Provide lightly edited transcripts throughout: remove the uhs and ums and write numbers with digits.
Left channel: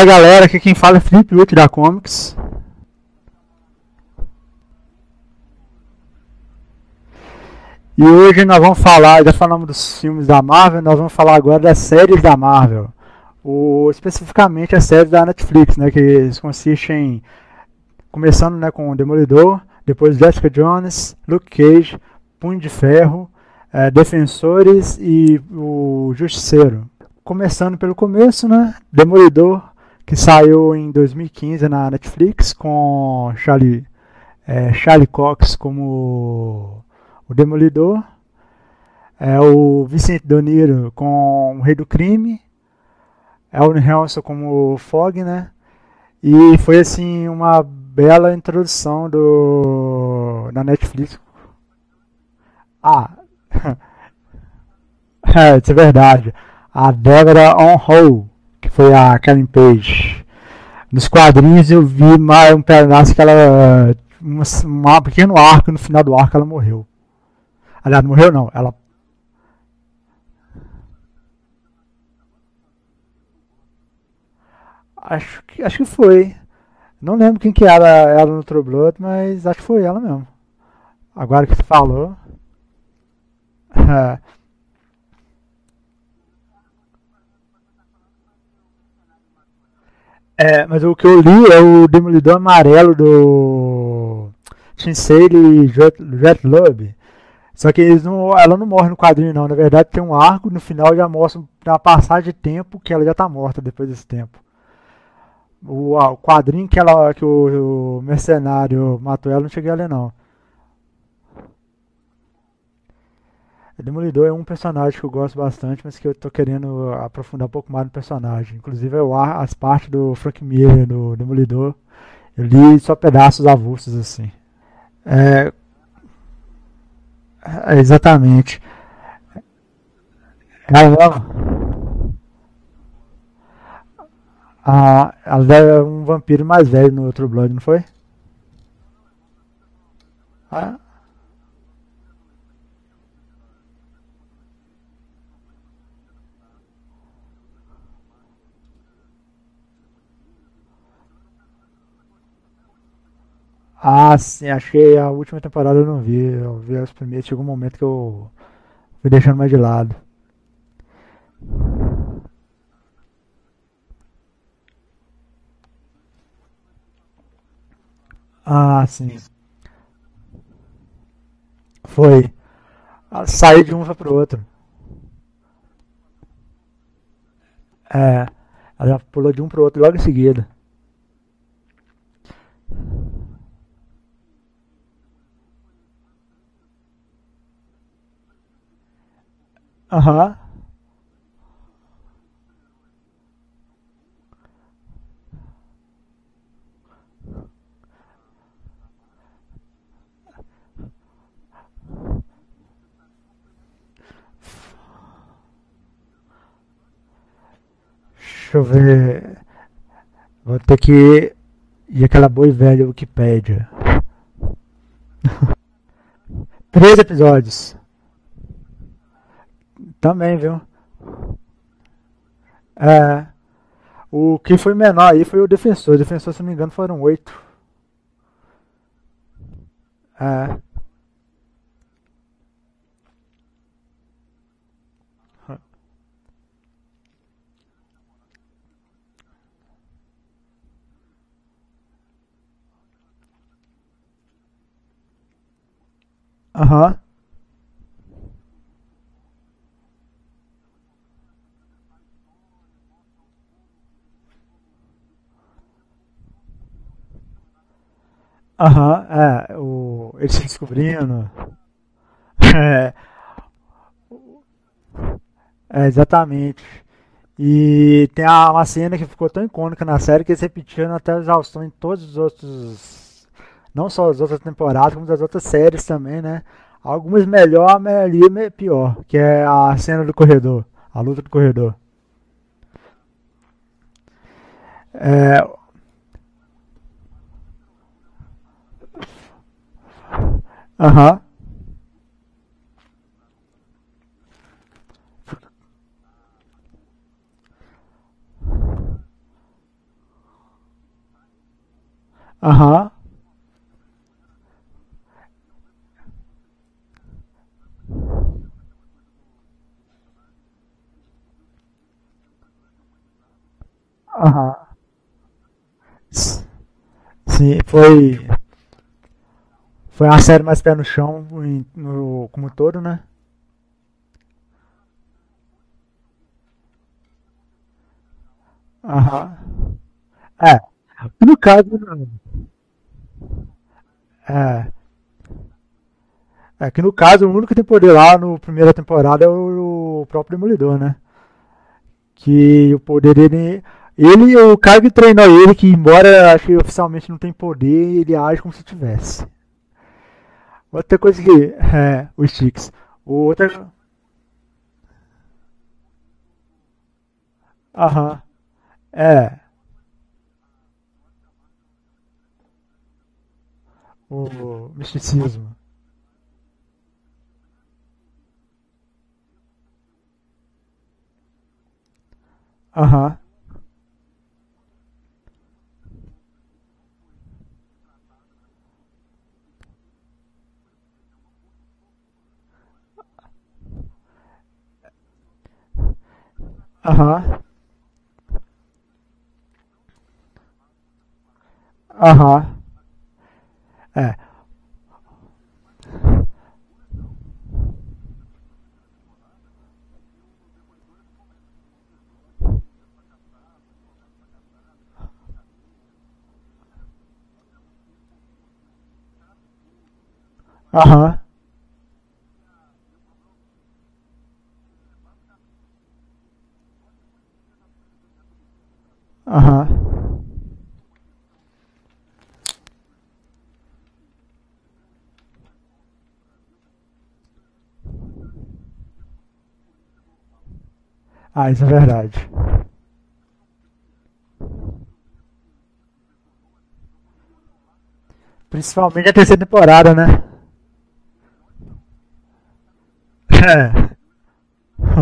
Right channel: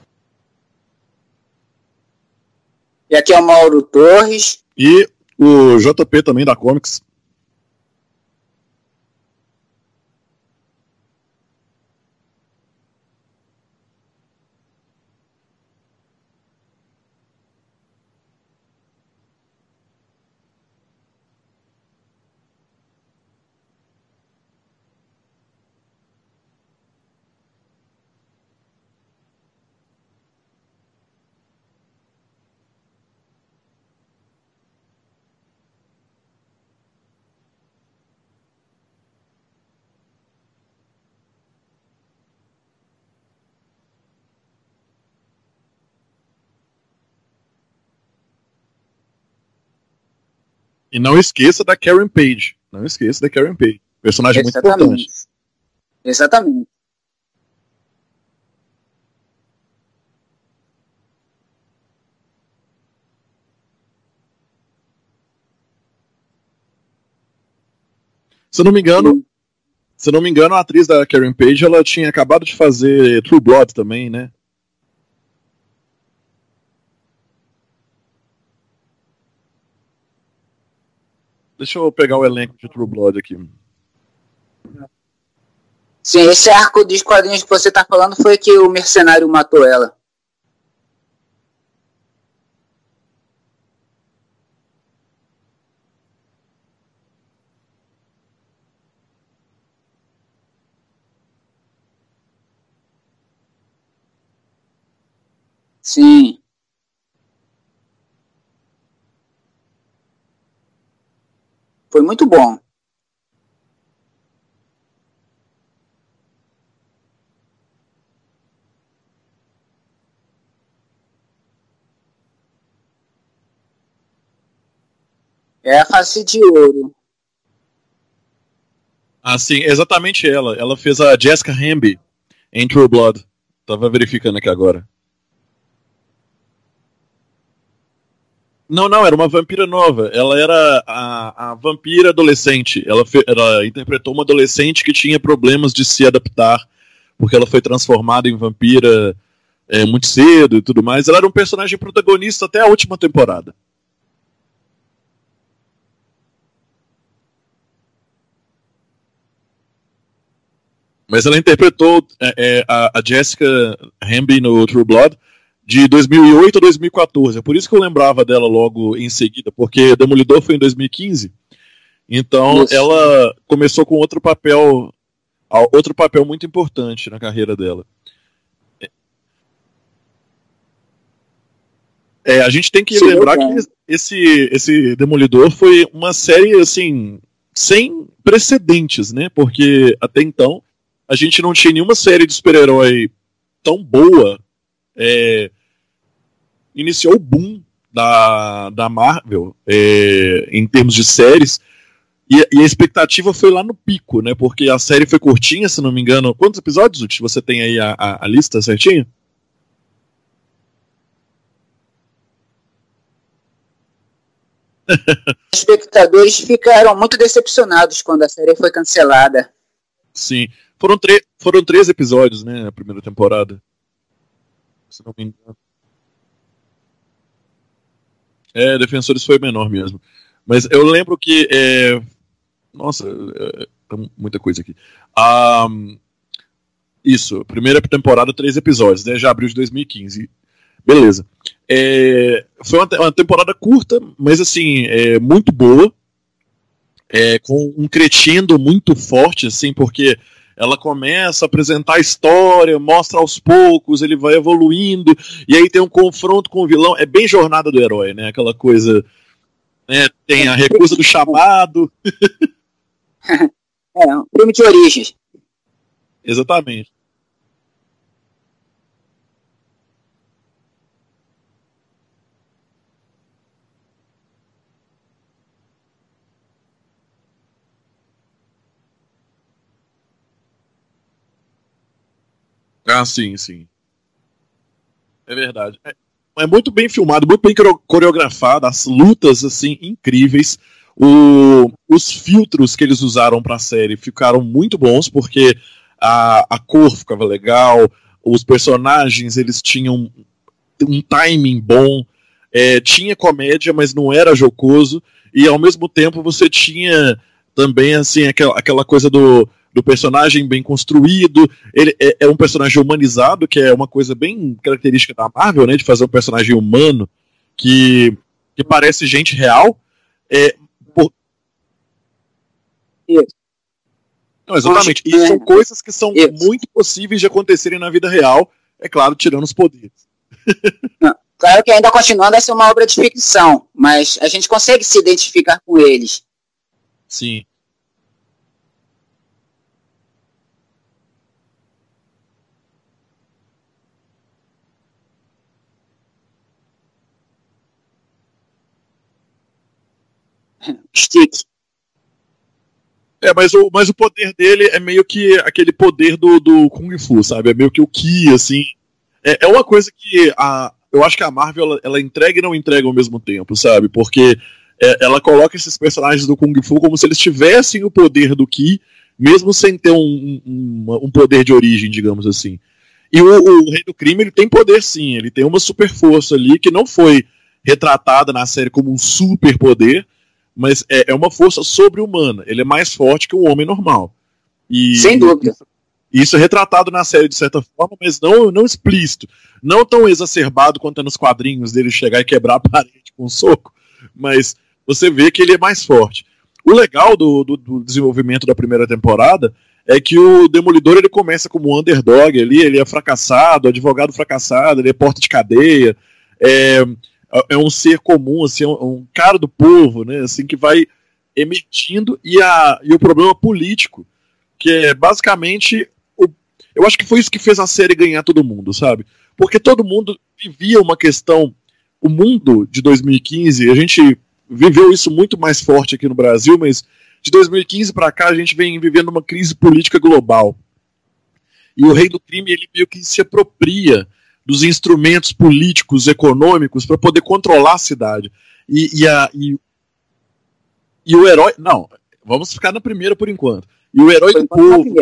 Fala galera, aqui quem fala é Felipe Witt da Comics. E aqui é o Mauro Torres. E o JP também da Comics. E hoje nós vamos falar, já falamos dos filmes da Marvel, nós vamos falar agora das séries da Marvel. Especificamente as séries da Netflix, né, que consistem em, começando, né, com o Demolidor, depois Jessica Jones, Luke Cage, Punho de Ferro, Defensores e o Justiceiro. Começando pelo começo, né, Demolidor, que saiu em 2015 na Netflix com Charlie Cox como o Demolidor, o Vincent D'Onofrio com o Rei do Crime, Owen Wilson como o Fog, né? E foi assim uma bela introdução da Netflix. E não esqueça da Karen Page. Não esqueça da Karen Page. Personagem muito importante. Isso é verdade. Exatamente. A Deborah On-Ho, que foi a Karen Page. Nos quadrinhos eu vi mais um pedaço que ela... um pequeno arco, no final do arco ela morreu. Aliás, não morreu não. Se não me engano, a atriz da Karen Page, ela tinha acabado de fazer True Blood também, né? Acho que foi. Não lembro quem que era ela no True Blood, mas acho que foi ela mesmo. Agora que Deixa eu pegar o elenco de True Blood aqui. Sim, esse arco dos quadrinhos que você tá falando foi que o mercenário matou ela. Mas o que eu li é o Demolidor Amarelo do Shinsei e Jet Lube. Só que ela não morre no quadrinho não. Na verdade tem um arco, no final já mostra uma passagem de tempo que ela já tá morta depois desse tempo. O quadrinho que o mercenário matou ela, não cheguei a ler não. Foi muito bom. O Demolidor é um personagem que eu gosto bastante, mas que eu tô querendo aprofundar um pouco mais no personagem. Inclusive as partes do Frank Miller, do Demolidor, eu li só pedaços avulsos assim. É a face de ouro. Exatamente. Sim, exatamente ela. Ela fez a Jessica Hamby em True Blood. Tava verificando aqui agora. Ela era um vampiro mais velho no True Blood, não foi? Não, era uma vampira nova. Ela era a vampira adolescente. Ela interpretou uma adolescente que tinha problemas de se adaptar, porque ela foi transformada em vampira muito cedo e tudo mais. Ela era um personagem protagonista até a última temporada. Sim, achei a última temporada eu não vi. Eu vi as primeiras, chegou um momento que eu fui deixando mais de lado. Mas ela interpretou a Jessica Hamby no True Blood de 2008 a 2014. É por isso que eu lembrava dela logo em seguida, porque Demolidor foi em 2015. Foi. Então ela começou com outro papel muito importante na carreira dela. Ela pulou de um pro outro logo em seguida. A gente tem que lembrar que esse Demolidor foi uma série assim sem precedentes, né? Porque até então a gente não tinha nenhuma série de super-herói tão boa. Iniciou o boom da Marvel em termos de séries, e a expectativa foi lá no pico, né? Porque a série foi curtinha, se não me engano. Quantos episódios, Uti? Você tem aí a lista certinha? Vou ter que ir aquela boa e velha Wikipédia. Os espectadores ficaram muito decepcionados quando a série foi cancelada. Também, sim. Viu? Foram 3 episódios, né? A primeira temporada. O que foi menor aí foi o Defensor. O Defensor, se não me engano, foram 8. Defensores foi menor mesmo. Mas eu lembro que... Nossa, muita coisa aqui. Isso, primeira temporada, 3 episódios, né? Já abril de 2015. Beleza. Foi uma temporada curta, mas assim, muito boa. Com um crescendo muito forte, assim, porque ela começa a apresentar a história, mostra aos poucos, ele vai evoluindo, e aí tem um confronto com o vilão. É bem jornada do herói, né? Aquela coisa. Tem a recusa do chamado. Um filme de origens. Exatamente. E tem uma cena que ficou tão icônica na série que eles repetiram até a exaustão em todos os outros. Não só as outras temporadas, como das outras séries também, né? Algumas melhor, a maioria pior, que é a cena do corredor, a luta do corredor. Sim. É verdade. É muito bem filmado, muito bem coreografado, as lutas assim incríveis. Os filtros que eles usaram pra série ficaram muito bons, porque a cor ficava legal, os personagens, eles tinham um timing bom, tinha comédia, mas não era jocoso, e ao mesmo tempo você tinha também, assim, aquela coisa do personagem bem construído. Ele é um personagem humanizado, que é uma coisa bem característica da Marvel, né, de fazer um personagem humano. Sim, que parece gente real. Foi uma série mais pé no chão, como um todo, né? Não, exatamente. E são coisas que são muito possíveis de acontecerem na vida real, é claro, tirando os poderes. No caso que ainda continuando a ser uma obra de ficção, mas a gente consegue se identificar com eles. Que no caso, o único que tem poder lá na primeira temporada é o próprio Demolidor, né? Que o poder dele... o cara que treinou ele, que embora acho que oficialmente não tem poder, ele age como se tivesse. Outra coisa que... o Sticks. Mas o poder dele é meio que aquele poder do Kung Fu, sabe? É meio que o Ki, assim. É uma coisa que eu acho que a Marvel ela entrega e não entrega ao mesmo tempo, sabe? Porque ela coloca esses personagens do Kung Fu como se eles tivessem o poder do Ki, mesmo sem ter um poder de origem, digamos assim. E o Rei do Crime, ele tem poder sim, ele tem uma super força ali que não foi retratada na série como um super poder, mas é uma força sobre-humana. Ele é mais forte que um homem normal. Sem dúvida. Isso é retratado na série de certa forma, mas não explícito. Não tão exacerbado quanto é nos quadrinhos dele chegar e quebrar a parede com um soco. Mas você vê que ele é mais forte. O legal do desenvolvimento da primeira temporada é que o Demolidor ele começa como um underdog ali, ele é fracassado, advogado fracassado, ele é porta de cadeia, é um ser comum, assim, um cara do povo, né, assim, que vai emitindo, e o problema político, que é basicamente... Eu acho que foi isso que fez a série ganhar todo mundo, sabe? Porque todo mundo vivia uma questão... O mundo de 2015, a gente viveu isso muito mais forte aqui no Brasil, mas de 2015 pra cá a gente vem vivendo uma crise política global. Isso é verdade. E o Rei do Crime, ele meio que se apropria dos instrumentos políticos, econômicos, para poder controlar a cidade. Principalmente a terceira temporada, né? E o herói... Não, vamos ficar na primeira por enquanto. E o herói do povo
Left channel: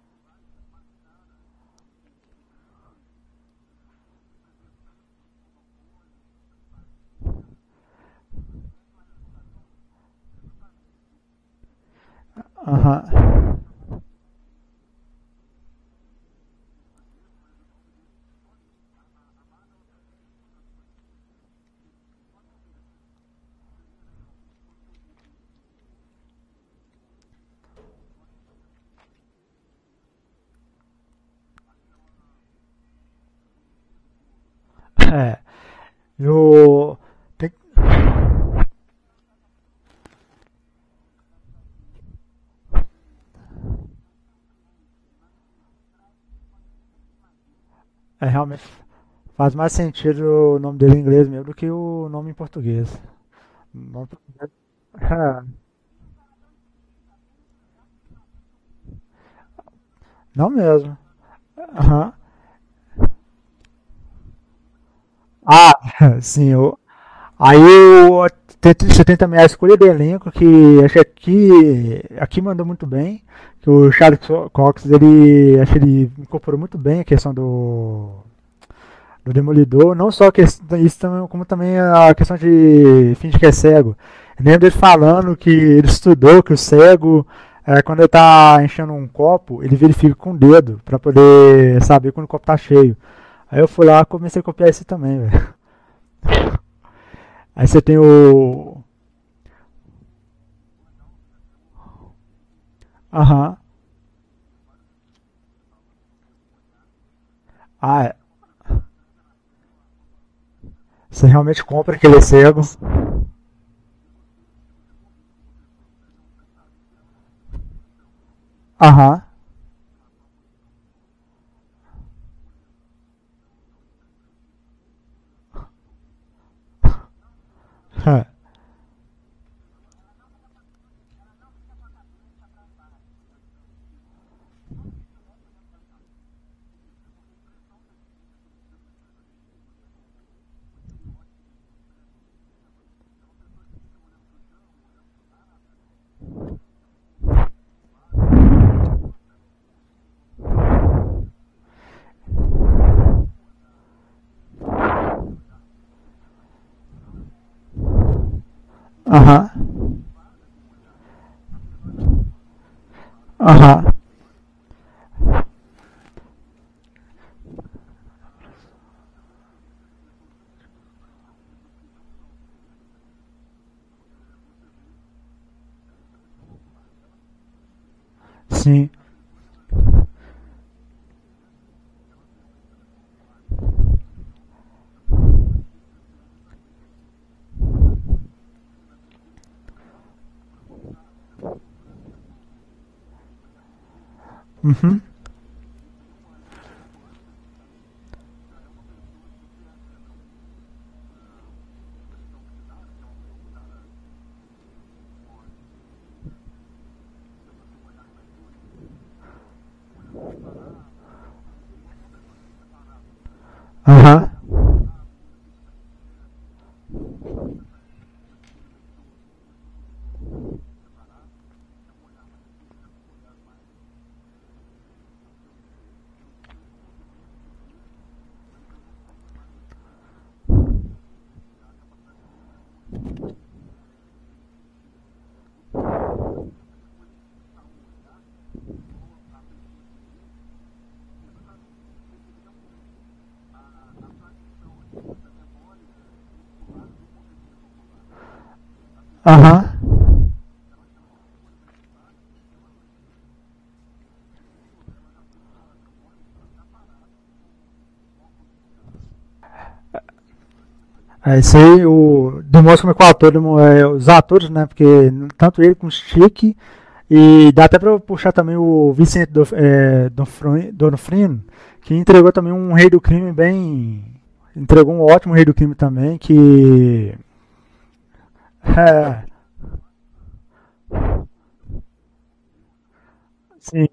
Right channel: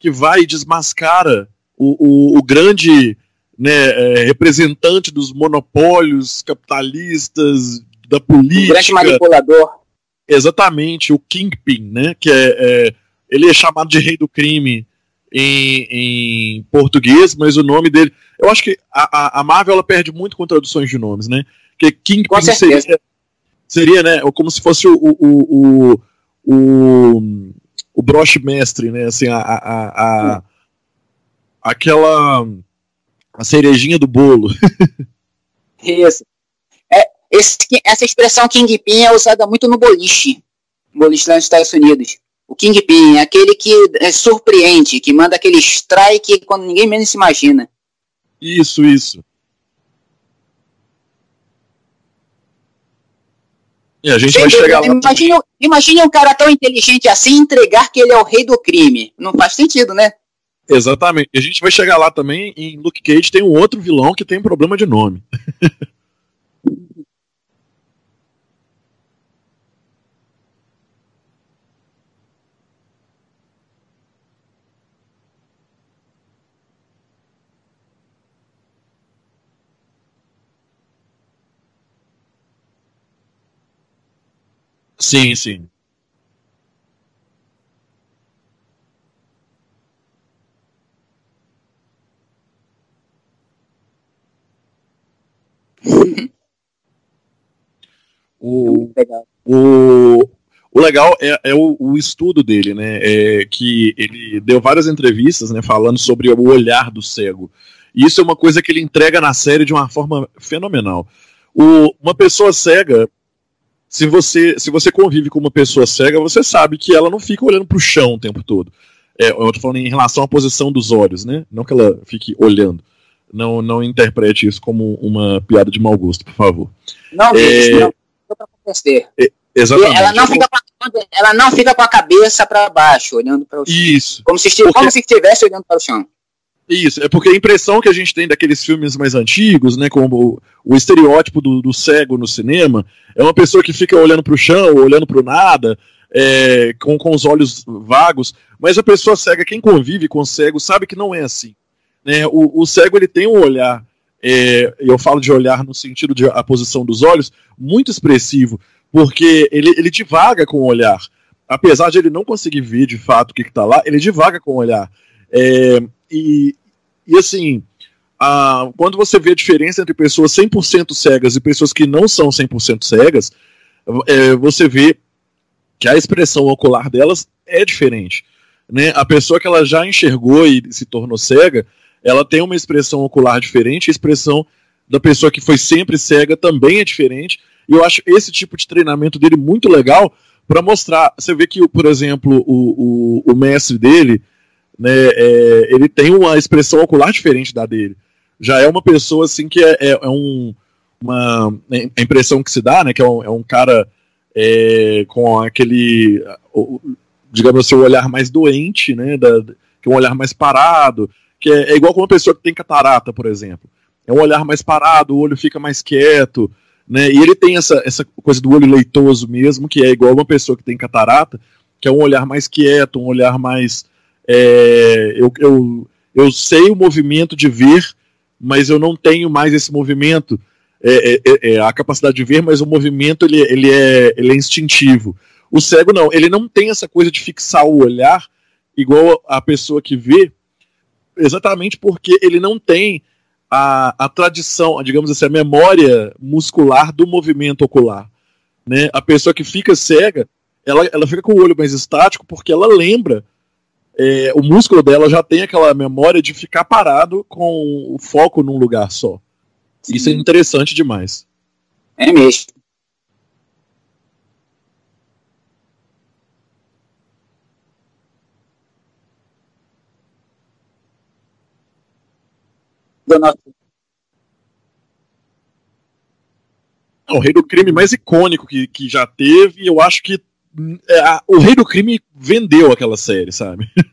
que vai e desmascara o grande, né, representante dos monopólios capitalistas, da política. O grande manipulador. Exatamente, o Kingpin, né? Que ele é chamado de Rei do Crime em português, mas o nome dele... Eu acho que a Marvel ela perde muito com traduções de nomes, né? Porque Kingpin seria, né, como se fosse o broche mestre, né? Assim, aquela a cerejinha do bolo. Isso. Essa expressão Kingpin é usada muito no boliche lá nos Estados Unidos. O Kingpin é aquele que surpreende, que manda aquele strike quando ninguém menos se imagina. Isso. Faz mais sentido o nome dele em inglês mesmo do que o nome em português. E a gente vai chegar lá. Imagine um cara tão inteligente assim entregar que ele é o rei do crime. Não faz sentido, né? Não mesmo. Exatamente. E a gente vai chegar lá também. Em Luke Cage tem um outro vilão que tem problema de nome. Sim. Aí você tem também a escolha do elenco, que acho que aqui mandou muito bem. Que o Charles Cox, acho que ele incorporou muito bem a questão do Demolidor, não só isso também, como também a questão de finge que é cego. Eu lembro dele falando que ele estudou que o cego, quando ele tá enchendo um copo, ele verifica com o dedo pra poder saber quando o copo tá cheio. Aí eu fui lá e comecei a copiar esse também, velho. Aí você tem o legal é o estudo dele, né? Que ele deu várias entrevistas, né, falando sobre o olhar do cego. Isso é uma coisa que ele entrega na série de uma forma fenomenal. Você realmente uma pessoa cega, se você convive com uma pessoa cega, você sabe que ela não fica olhando pro chão o tempo todo. Eu tô falando em relação à posição dos olhos, né? Não que ela fique olhando. Não interprete isso como uma piada de mau gosto, por favor. Não, não. Exatamente. Ela não fica com a cabeça para baixo, olhando para o chão. Isso. Como se estivesse olhando para o chão. Isso, é porque a impressão que a gente tem daqueles filmes mais antigos, né, como o estereótipo do cego no cinema, é uma pessoa que fica olhando para o chão, olhando para o nada, com os olhos vagos, mas a pessoa cega, quem convive com o cego, sabe que não é assim. né? O cego ele tem um olhar, eu falo de olhar no sentido de a posição dos olhos, muito expressivo, porque ele divaga com o olhar. Apesar de ele não conseguir ver de fato o que está lá, ele divaga com o olhar. E assim, quando você vê a diferença entre pessoas 100% cegas e pessoas que não são 100% cegas, você vê que a expressão ocular delas é diferente. Né? A pessoa que ela já enxergou e se tornou cega, ela tem uma expressão ocular diferente, a expressão da pessoa que foi sempre cega também é diferente, e eu acho esse tipo de treinamento dele muito legal para mostrar. Você vê que, por exemplo, o mestre dele, né, ele tem uma expressão ocular diferente da dele. Já é uma pessoa assim que a impressão que se dá, né, que é um cara com aquele, digamos assim, o olhar mais doente, né, que é um olhar mais parado, que é igual com uma pessoa que tem catarata, por exemplo. Um olhar mais parado, o olho fica mais quieto, né, e ele tem essa coisa do olho leitoso mesmo, que é igual uma pessoa que tem catarata, que é um olhar mais quieto, um olhar mais... eu sei o movimento de ver, mas eu não tenho mais esse movimento, a capacidade de ver, mas o movimento ele é instintivo. O cego não, ele não tem essa coisa de fixar o olhar igual a pessoa que vê, exatamente porque ele não tem a tradição, digamos assim, a memória muscular do movimento ocular. Né? A pessoa que fica cega, ela fica com o olho mais estático porque ela lembra, o músculo dela já tem aquela memória de ficar parado com o foco num lugar só. Isso é interessante demais. Isso aí demonstra como que o ator, os atores, né? Porque tanto ele como o Chique, e dá até pra puxar também o Vicente D'Onofrio, que entregou também um Rei do Crime entregou um ótimo Rei do Crime também, que... O Rei do Crime mais icônico que já teve, eu acho que o Rei do Crime vendeu aquela série, sabe? Sim.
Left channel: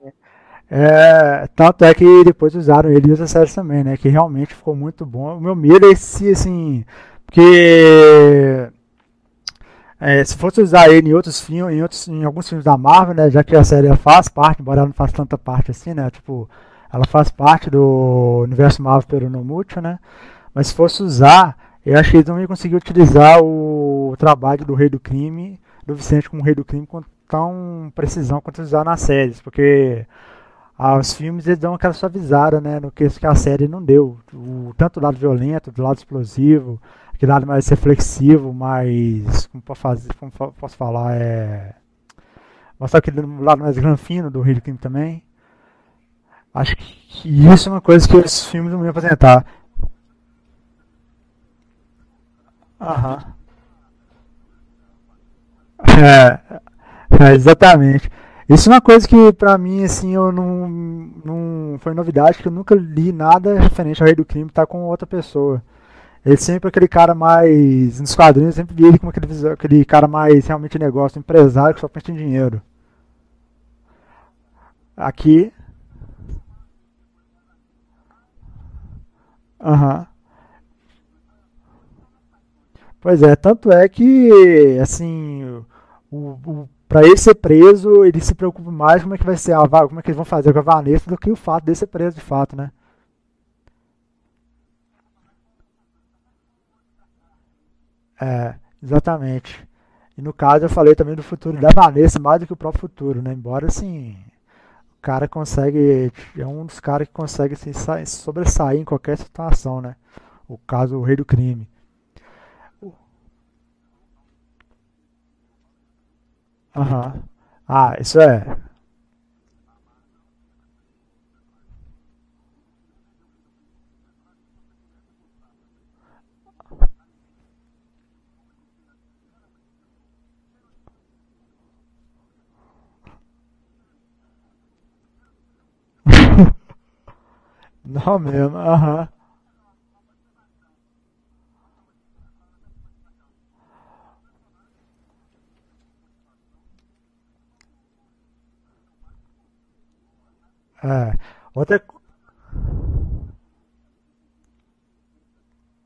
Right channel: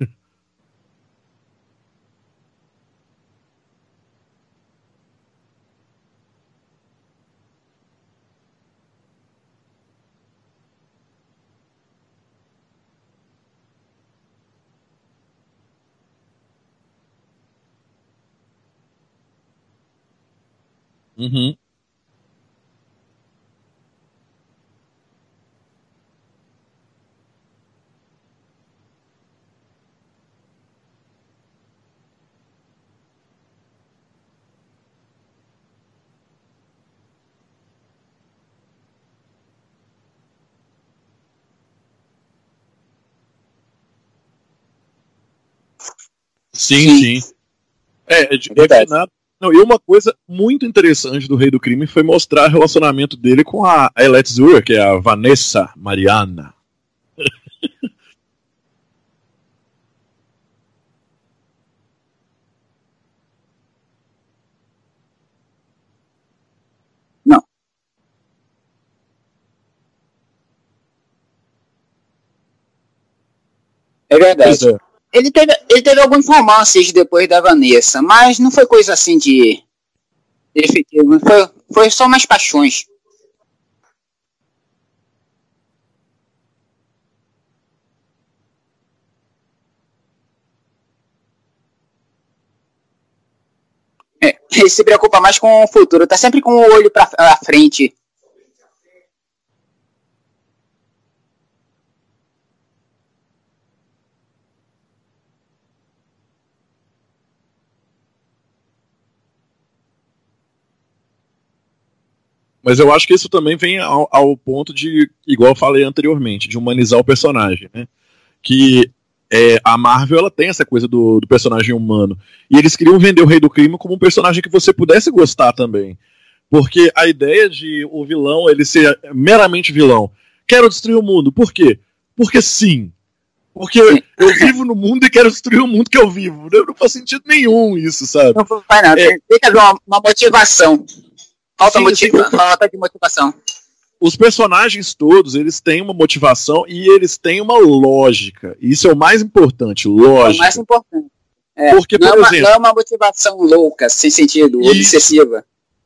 Tanto é que depois usaram ele em outras séries também, né? Que realmente ficou muito bom. O meu medo é esse, assim... Porque... se fosse usar ele em outros filmes, em alguns filmes da Marvel, né? Já que a série faz parte, embora ela não faça tanta parte assim, né? Tipo, ela faz parte do universo Marvel pelo Nomútil, né? Mas se fosse usar, eu acho que eles não iam conseguir utilizar o trabalho do Rei do Crime, do Vicente como Rei do Crime, com tão precisão quanto usar nas séries, porque os filmes eles dão aquela suavizada, né, no que a série não deu, tanto do lado violento, do lado explosivo, aquele lado mais reflexivo, mais, como posso falar, mostrar aquele lado mais granfino do Rei do Crime também. Sim. E isso é uma coisa que eles implementar. E uma coisa muito interessante do Rei do Crime foi mostrar o relacionamento dele com a Elette Zura, que é a Vanessa. Exatamente. Isso é uma coisa que pra mim, assim, eu não foi novidade, que eu nunca li nada referente ao Rei do Crime estar com outra pessoa. Ele sempre aquele cara mais, nos quadrinhos, eu sempre vi ele como aquele cara mais realmente negócio, empresário que só pensa em dinheiro. É verdade. Aqui... Ele teve alguns romances depois da Vanessa, mas não foi coisa assim de efetivo. Foi só umas paixões. Pois é, tanto é que, assim, pra ele ser preso, ele se preocupa mais como é que vai ser como é que eles vão fazer com a Vanessa do que o fato dele ser preso de fato, né? Ele se preocupa mais com o futuro, tá sempre com o olho pra frente. Exatamente. E no caso eu falei também do futuro da Vanessa, mais do que o próprio futuro, né? Embora, assim, o cara consegue... É um dos caras que consegue assim, sobressair em qualquer situação, né? O caso, o Rei do Crime. Mas eu acho que isso também vem ao ponto de, igual eu falei anteriormente, de humanizar o personagem. Isso é. Que a Marvel, ela tem essa coisa do personagem humano. E eles queriam vender o Rei do Crime como um personagem que você pudesse gostar também. Porque a ideia de o vilão ele ser meramente vilão. Quero destruir o mundo. Por quê? Porque sim. Porque eu vivo no mundo e quero destruir o mundo que eu vivo. Não faz sentido nenhum isso, sabe? Não faz nada. Tem que haver uma motivação. Falta de motivação. Os personagens todos, eles têm uma motivação e eles têm uma lógica. Isso é o mais importante, lógica. É o mais importante. Porque, por exemplo, não é uma motivação louca, sem sentido, obsessiva.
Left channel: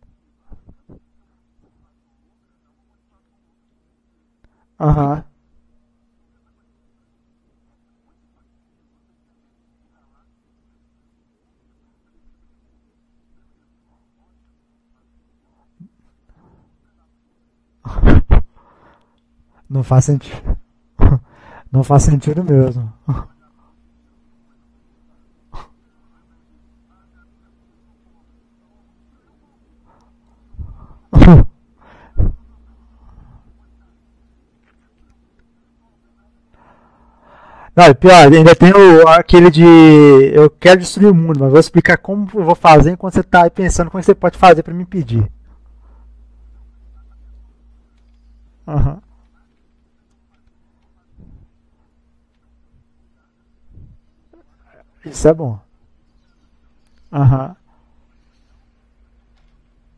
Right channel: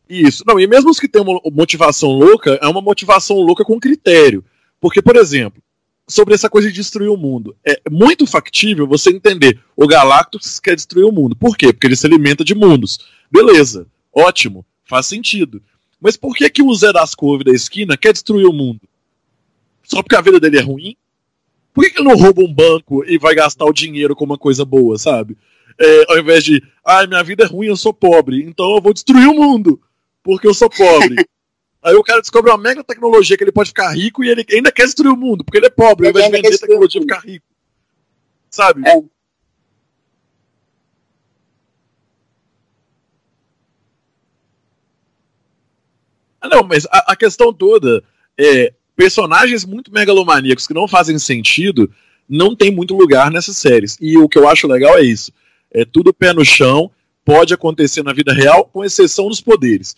Isso. Não, e mesmo os que têm uma motivação louca, é uma motivação louca com critério. Porque, por exemplo, sobre essa coisa de destruir o mundo. É muito factível você entender. O Galactus quer destruir o mundo. Por quê? Porque ele se alimenta de mundos. Beleza, ótimo, faz sentido. Mas por que o Zé das Couve da esquina quer destruir o mundo? Só porque a vida dele é ruim? Por que não rouba um banco e vai gastar o dinheiro com uma coisa boa, sabe? Ao invés de, minha vida é ruim, eu sou pobre, então eu vou destruir o mundo, porque eu sou pobre. Aí o cara descobre uma mega tecnologia que ele pode ficar rico e ele ainda quer destruir o mundo, porque ele é pobre, ao invés de vender tecnologia e ficar rico. Não, é pior, ainda tem aquele de eu quero destruir o mundo, mas vou explicar como eu vou fazer enquanto você tá aí pensando como você pode fazer pra me impedir. Não, mas a questão toda personagens muito megalomaníacos que não fazem sentido não tem muito lugar nessas séries. E o que eu acho legal é isso. É bom. É tudo pé no chão, pode acontecer na vida real, com exceção dos poderes.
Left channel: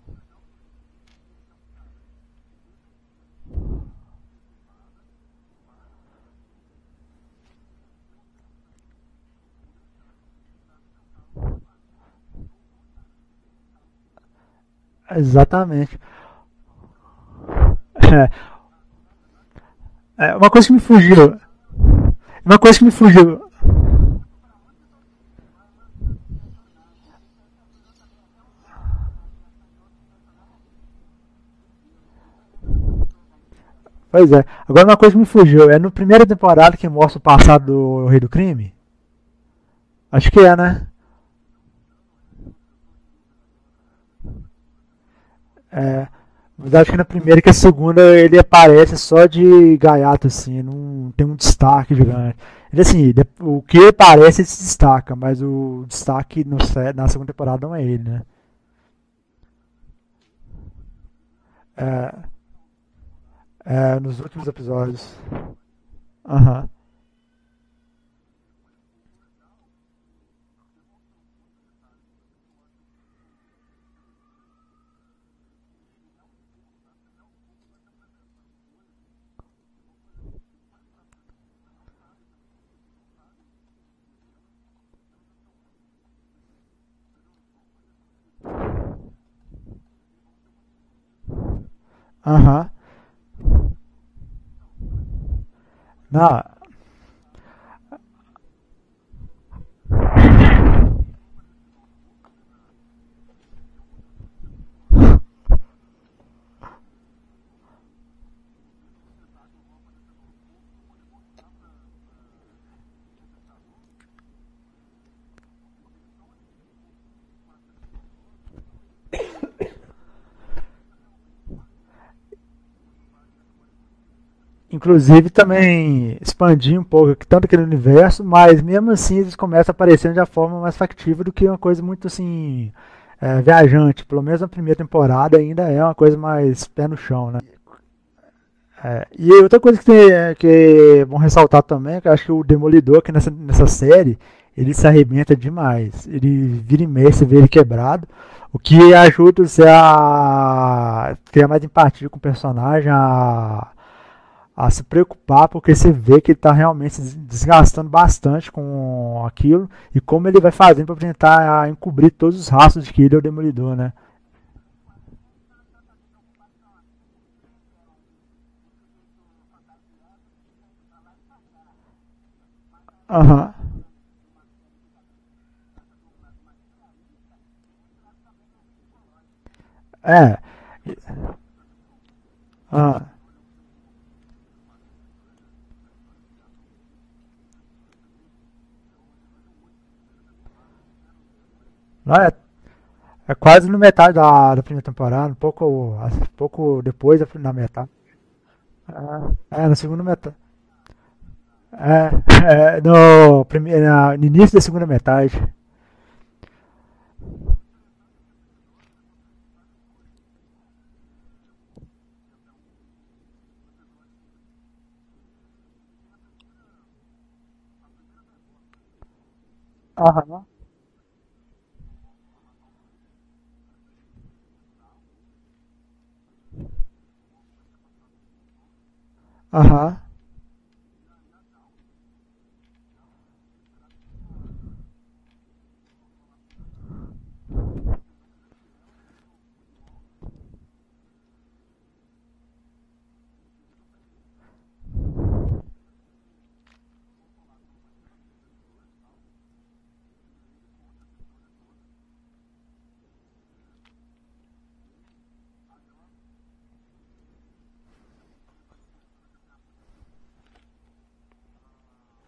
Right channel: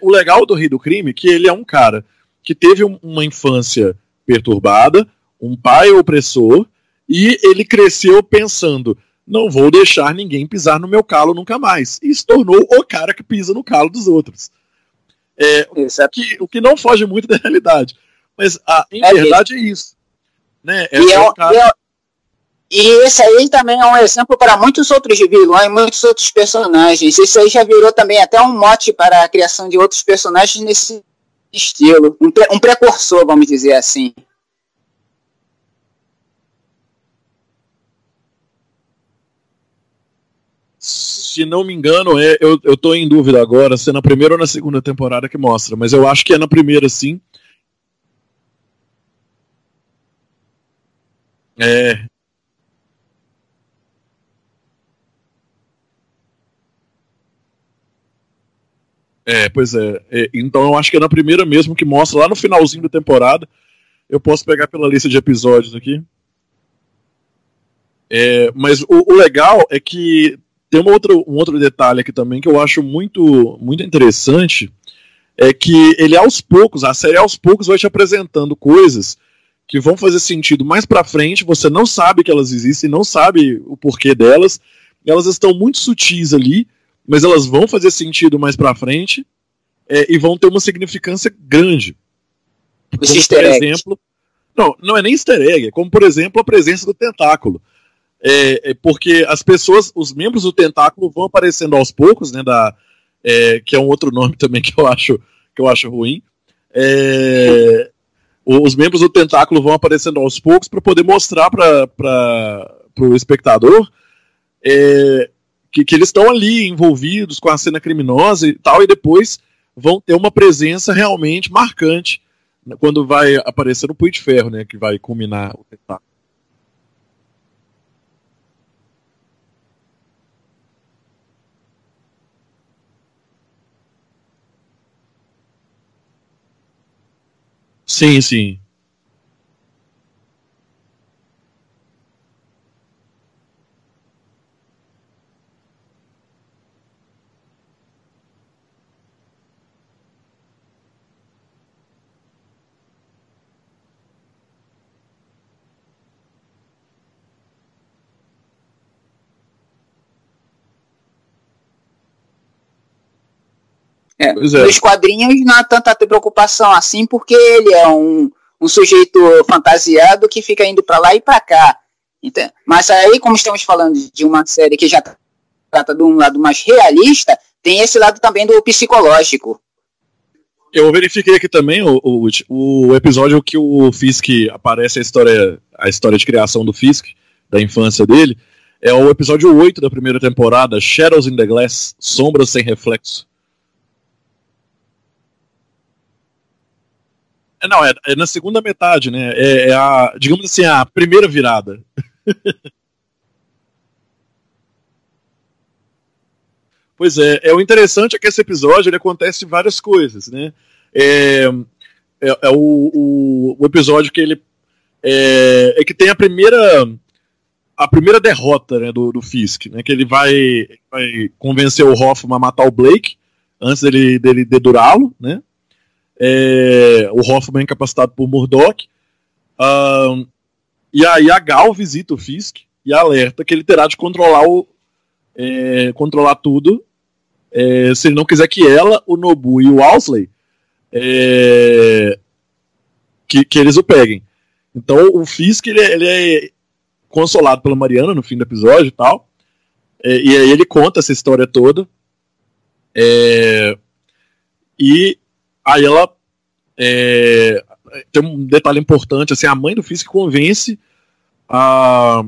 O legal do Rei do Crime é que ele é um cara que teve uma infância perturbada, um pai opressor, e ele cresceu pensando, não vou deixar ninguém pisar no meu calo nunca mais. E se tornou o cara que pisa no calo dos outros. Exatamente. O que não foge muito da realidade. Mas em verdade é isso. Uma coisa que me fugiu. Isso aí também é um exemplo para muitos outros vilões, muitos outros personagens. Isso aí já virou também até um mote para a criação de outros personagens nesse estilo. Um precursor, vamos dizer assim. Pois é. Agora uma coisa que me fugiu. É no primeira temporada que mostra o passado do Rei do Crime? Acho que né? Se não me engano, eu tô em dúvida agora se é na primeira ou na segunda temporada que mostra, mas eu acho que é na primeira, sim. Na primeira, que a segunda ele aparece só de gaiato, assim, não tem um destaque gigante. Ele, assim, o que ele aparece ele se destaca, mas o destaque na segunda temporada não é ele, né? Pois é. Então eu acho que é na primeira mesmo que mostra lá no finalzinho da temporada. Eu posso pegar pela lista de episódios aqui. Mas o legal é que tem um outro detalhe aqui também que eu acho muito, muito interessante, é que ele a série aos poucos vai te apresentando coisas que vão fazer sentido mais pra frente, você não sabe que elas existem, não sabe o porquê delas, elas estão muito sutis ali, mas elas vão fazer sentido mais pra frente e vão ter uma significância grande. Como, por exemplo, não é nem easter egg, como por exemplo a presença do tentáculo. Porque as pessoas, os membros do tentáculo vão aparecendo aos poucos, né? Que é um outro nome também que eu acho ruim. Os membros do tentáculo vão aparecendo aos poucos para poder mostrar para o espectador que eles estão ali envolvidos com a cena criminosa e tal, e depois vão ter uma presença realmente marcante quando vai aparecer no Punho de Ferro, né? Que inclusive vai também expandir um pouco tanto aquele universo, mas mesmo assim eles começam a aparecer de uma forma mais factível do que uma coisa muito assim viajante. Pelo menos na primeira temporada ainda é uma coisa mais pé no chão, né? Sim, sim. E outra coisa que é bom ressaltar também é que eu acho que o Demolidor aqui nessa série ele se arrebenta demais. Ele vira e mexe, você vê ele quebrado. O que ajuda você a ter mais empatia com o personagem, a se preocupar, porque você vê que ele está realmente se desgastando bastante com aquilo e como ele vai fazendo para tentar encobrir todos os rastros de que ele é o Demolidor, né? Nos quadrinhos não há tanta preocupação assim, porque ele é um sujeito fantasiado que fica indo para lá e para cá. Então, mas aí, como estamos falando de uma série que já trata de um lado mais realista, tem esse lado também do psicológico. Eu verifiquei aqui também o episódio que o Fisk aparece a história de criação do Fisk, da infância dele, é o episódio 8 da primeira temporada, Shadows in the Glass, Sombras sem Reflexo. É quase no metade da primeira temporada, um pouco depois da metade. É na segunda metade, né? Digamos assim, a primeira virada. No início da segunda metade. Pois o interessante é que esse episódio ele acontece várias coisas, né? O episódio que ele que tem a primeira derrota, né, do Fisk, né? Que ele vai convencer o Hoffman a matar o Blake antes dele dedurá-lo, né? O Hoffman é incapacitado por Murdoch. E aí a Gal visita o Fisk e alerta que ele terá de controlar tudo se ele não quiser que ela, o Nobu e o Owlsley que eles o peguem. Então o Fisk ele é consolado pela Mariana no fim do episódio e tal. E aí ele conta essa história toda. E aí ela tem um detalhe importante, assim, a mãe do Fisk convence a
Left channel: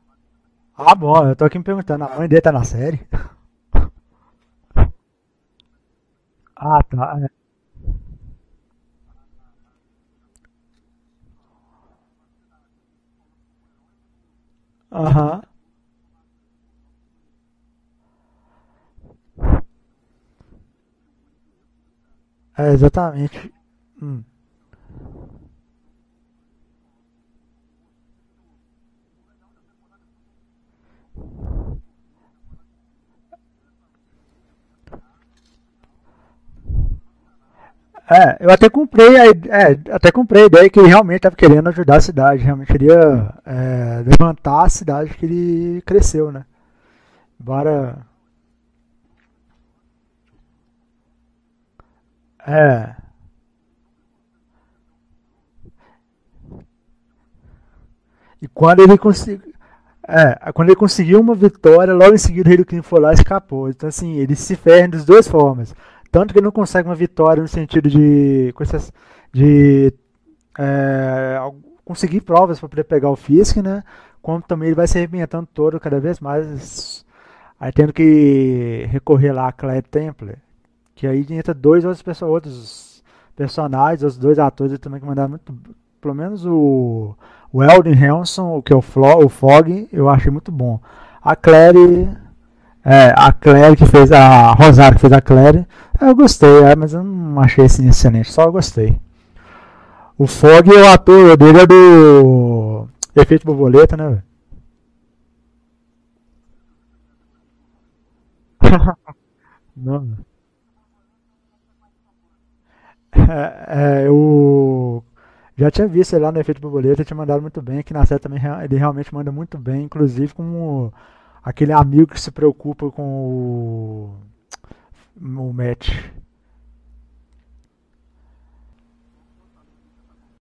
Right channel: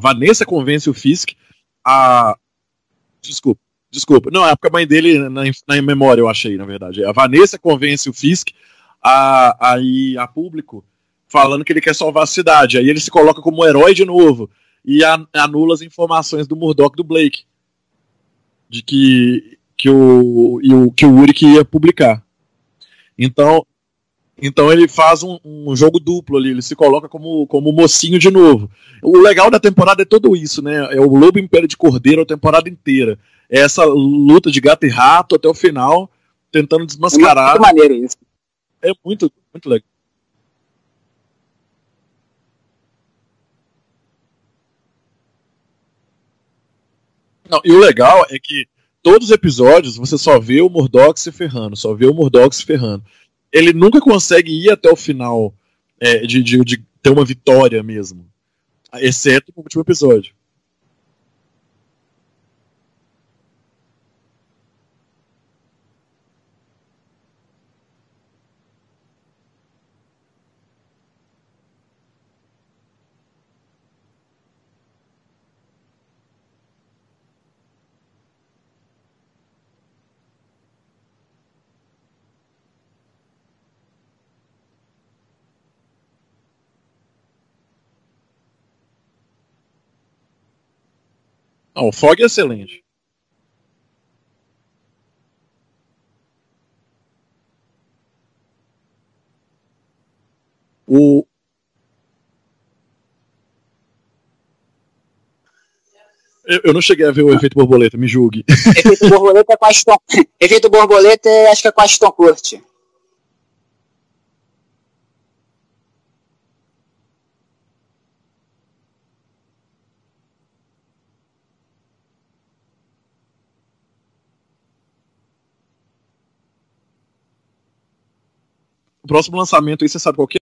Vanessa convence o Fisk. Eu tô aqui me perguntando, a mãe dele tá na série? Desculpa. Não, é porque a mãe dele na memória, eu achei, na verdade. Tá. A Vanessa convence o Fisk a ir a público falando que ele quer salvar a cidade. Aí ele se coloca como herói de novo e anula as informações do Murdoch e do Blake. De que o Uric ia publicar. Exatamente. Então ele faz um jogo duplo ali, ele se coloca como mocinho de novo. O legal da temporada é tudo isso, né? É o Lobo Império de Cordeiro a temporada inteira. É essa luta de gato e rato até o final, tentando desmascarar. É muito maneiro isso. Eu até comprei a ideia que ele realmente estava querendo ajudar a cidade, realmente queria levantar a cidade que ele cresceu, né? E o legal é que todos os episódios você só vê o Murdoch se ferrando, se ferrando. Ele nunca consegue ir até o final de ter uma vitória mesmo. E quando ele exceto no último episódio. Quando ele conseguiu uma vitória, logo em seguida o Rei do Crime foi lá e escapou. Então assim, ele se ferra das duas formas. Tanto que ele não consegue uma vitória no sentido de conseguir provas para poder pegar o Fisk, né? Como também ele vai se arrebentando todo cada vez mais. Aí tendo que recorrer lá a Claire Templar, que aí entra outros personagens, os dois atores também que mandaram muito, pelo menos o Eldon Hanson, que é o Fogg, eu achei muito bom. A Claire... O Fogg é excelente. A Claire que fez a Rosário que fez a Claire, eu gostei, mas eu não achei assim excelente, só eu gostei. O Fogg, o ator dele é do Efeito Borboleta, né, velho? Eu não cheguei a ver o Efeito Borboleta, me julgue. Efeito Borboleta é com Aston... Efeito Borboleta acho que é com Aston Kutcher. Eu já tinha visto ele lá no Efeito Borboleta, tinha mandado muito bem. Aqui na série também ele realmente manda muito bem, inclusive como aquele amigo que se preocupa com o Matt. O próximo lançamento aí, você sabe qual que é?